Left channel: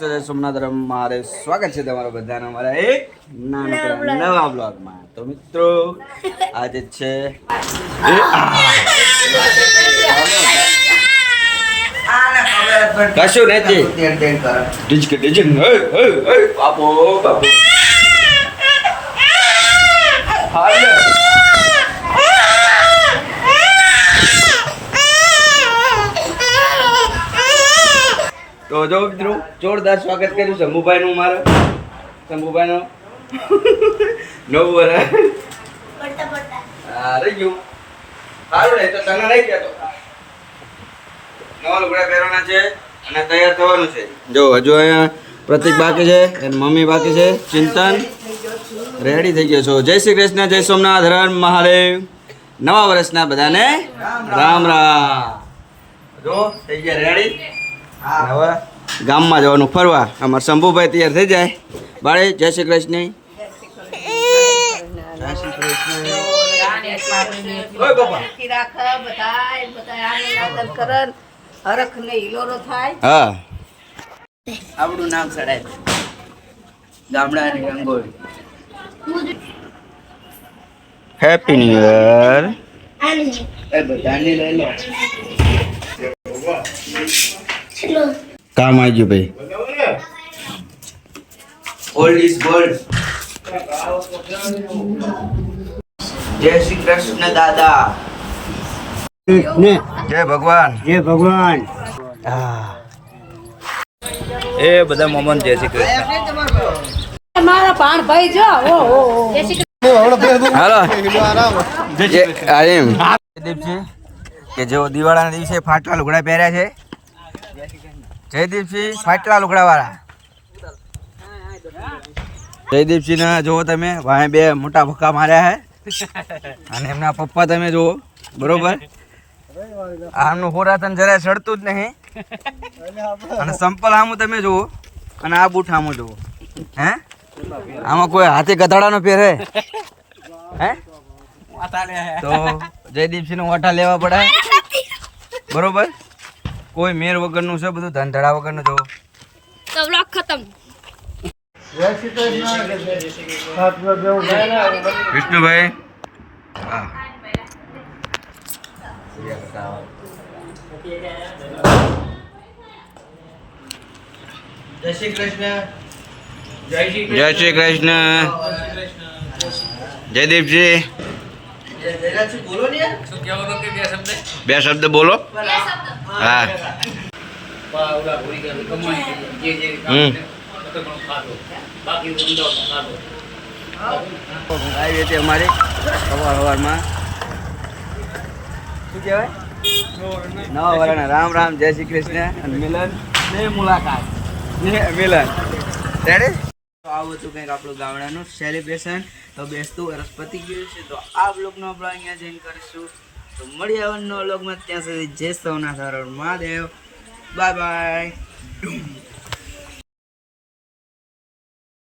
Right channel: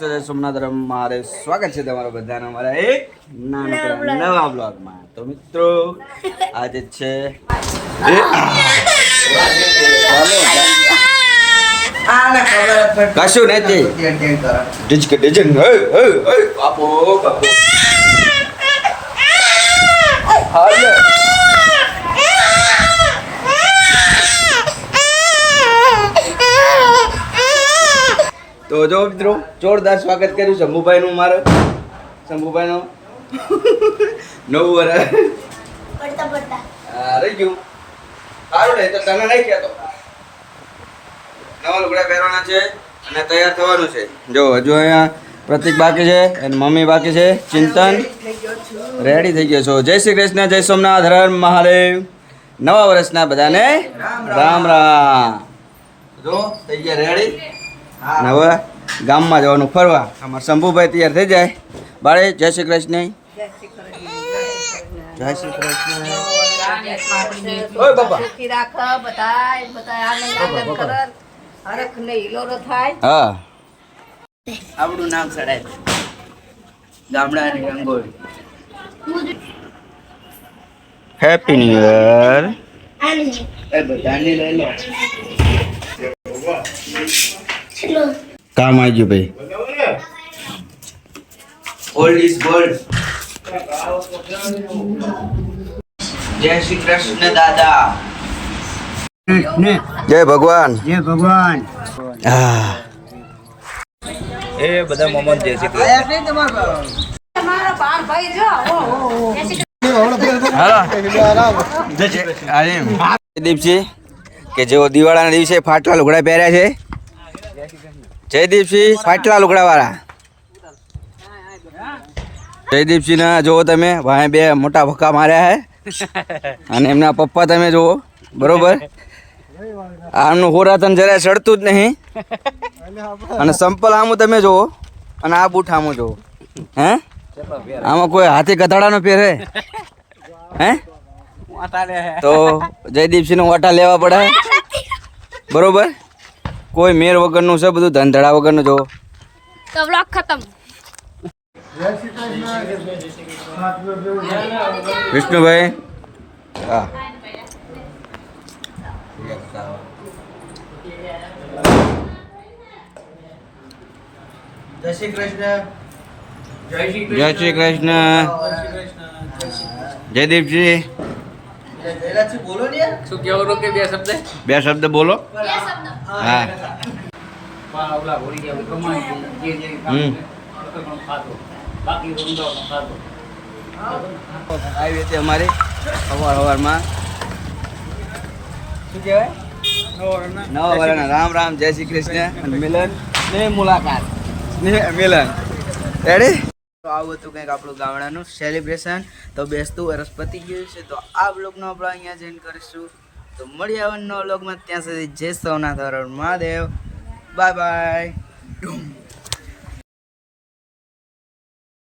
જય સોમનાથ મારે સ્વાગત છે તમારા બધાનો અમારા એક નાનકડા નવા બ્લોગમાં. તો મિત્રો આજે છે કશું નથી ડિજક ડિજક બાપો બાપો હાલ તો જો મિત્રો જોરદાર સ્વાગત કર્યું શંભુભાઈ નું. મારે શંભુભાઈ નો 9 વર્ષ રહી ગયું. સારું ને તો તને નહીં કહેતો. નવા લુગડા પહેરવાના છે અને તૈયાર થવાનું છે. જો હજુ અહીંયા પ્રતિક બાકી છે અને મમ્મી બાકી છે. ચિંતન રેડી થઈ ગયો છો. જય શ્રી કૃષ્ણ, જય સોમનાથ, હર હર મહાદેવ. નવા વર્ષના બધાને રામ રામ. જો થઈ ગયા રેડી. હવે ગામમાં જવાનું ફરવા. અમારા શંભુભાઈ તૈયાર થઈ જાય. બાળે જય શ્રી કૃષ્ણ. જય શ્રી કૃષ્ણ. ઓય બાપા હા આપણું નામ સડાય ગામડાની રંગોળી. Happy new year. એ બધાની લઈ લો. કામ આવી ગયું ભાઈ. Old is gold. જય શ્રી કૃષ્ણ દાદા. જય ભગવાન. જય ભગવાન. હા એ બધા મોમન જય શ્રી કૃષ્ણ. મારા પાણ ભાઈ જો જયદીપસિંહ કે જેઓ દિવાળીના દિવસે ફાટલા લુગડા પહેર્યા છે. જયદીપસિંહ ફાટલા લુગડા વાળા. જયદીપસિંહ ના જુઓ તમે ભાઈ બે મોટા ભક્કા માર્યા છે અને એમના પપ્પા તમે જુઓ બરોબર. આનું હોરાતન જરા ચડતું જ નહીં. અને સંપલ આમું તમે જુઓ અને આ બૂટ આમું જુઓ. હે આમાં કોઈ હાથી ગધાડા નો પહેરે હે તો જયદીપસિંહ નો વાટા લેવા પડે બરોબર. કોઈ મેર વગરનું છે બધું, ધંધડા વગરનું જો. તો વ્લોગ ખતમ. વિષ્ણુભાઈ હા જય શ્રી કૃષ્ણ. જય શ્રી કૃષ્ણ. જયદીપજી બોલો ને શું કહેવાનું કે બે શબ્દ બોલો. હા આવી હતી અમારે સવારમાં શું કહેવાય નવા વર્ષના રામ રામ જય શ્રી કૃષ્ણ અને મિલન ને મુલાકાત ને મિલન રેડી. તો આવું હતું કંઈક આપણું ગામડાનું સેલિબ્રેશન. તો બેસતું વર્ષ પતી ગયું છે તો આ બ્લોગનો આપણે અહીંયા જોઈન કરીશું. તો મળી આવવાનો બ્લોગમાં. ત્યાં સુધી જય સોમનાથ હર હર મહાદેવ. Bye by.